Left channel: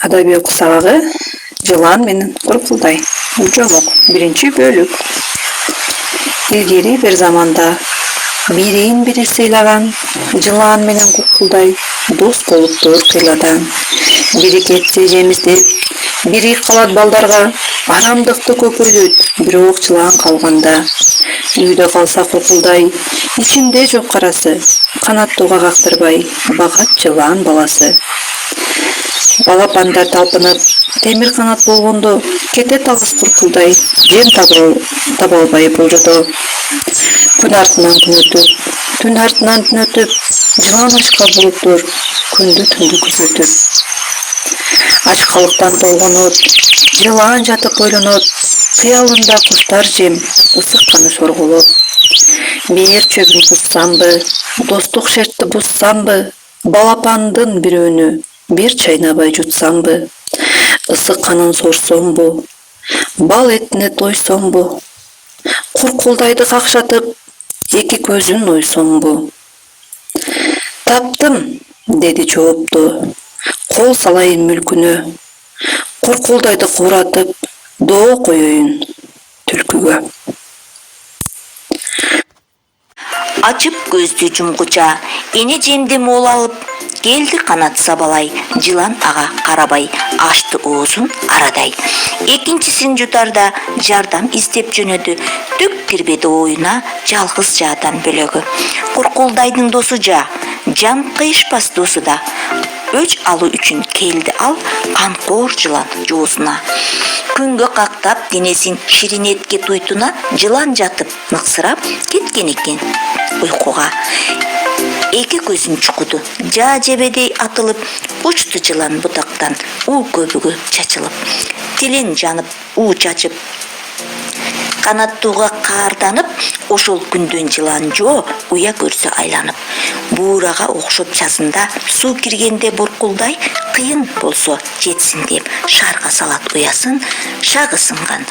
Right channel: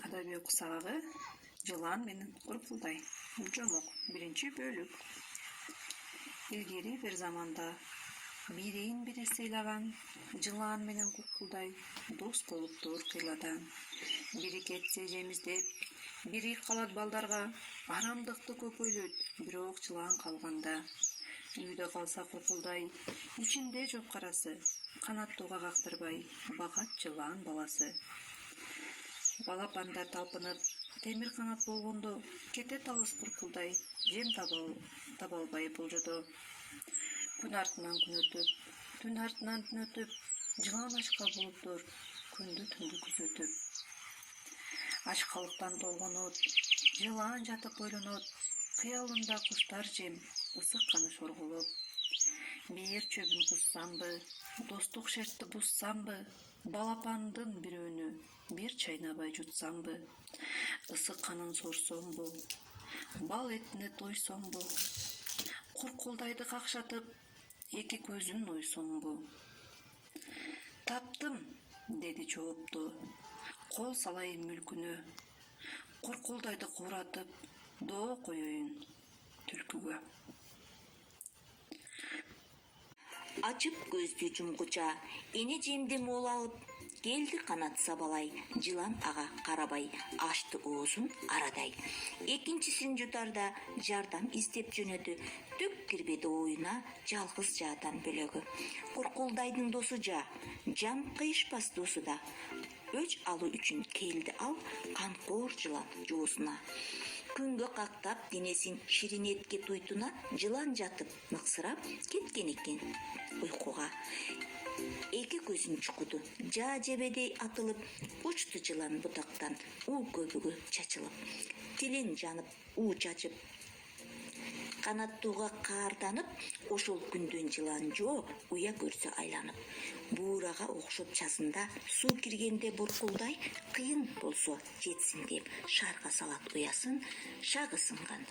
Адабий кусагы жылан менен куркулдай. Жомок 1-бөлүк. Илгери бир заманда бирин бири сыйлаган жылан менен куркулдай дос болуптур кыйладан. Бири кетсе жемиздеп, бири калат балдарга арамдыкты көпүрдөт, бирок жылан калганда. Үйдө калса куркулдай, ичинде жок карасы, канаттууга кактырбай, багат жылан баласы. Балапандар талпынып, темир канат болгондо, кетет алыс куркулдай, жем таба албай болжодо. Күн артынан күн өтүп, түн артынан түн өтүп, жылан ачка булуптур, күндү түндү күзөтүп. Ачкалыктан толгонот, жылан жатып ойлонот, кыялында куштар жем, ысыкканы сорголот. Бээр чөгүн буссамбы, достук шертти буссамбы, балапандын бирөөнү бир чайнабай жутсамбы, ысык канын сорсомбу, бал этине тойсомбу, куркулдайды какшатып, эки көзүн ойсомбу. Таптым, деди жоопту, кол салайын мүлкүнө, куркулдайды кууратып, доо коеюн түлкүгө. Açıp көздү жумгуча, эне жемди мол алып, келди канат сабалай, жылан ага карабай, ачты оозун арадай. Экинчисин жутарда жардам издеп жөнөдү, түк кирбеди оюна жалгыз жаадан бөлөгү. Куркулдайдын досу жан кыйышпас досу да. Өч алуу үчүн келди ал канкоор жылан жоосуна. Күнгө кактап денесин ширинетке туйтуна, жылан жатып ныксырап кеткен экен уйкуга. Эки көзүн чукуду, жебедей атылып, учту жылан бутактан, уу көбүгө чачылып. Тилин жанып, уу чачып, канаттууга каарданып, ошол күндөн жылан жоо уя көрсө айланып. Буурага окшоп часында суу киргенде буркулдай, кыйын болсо жетсин деп шаарга салат уясын, шагы сынган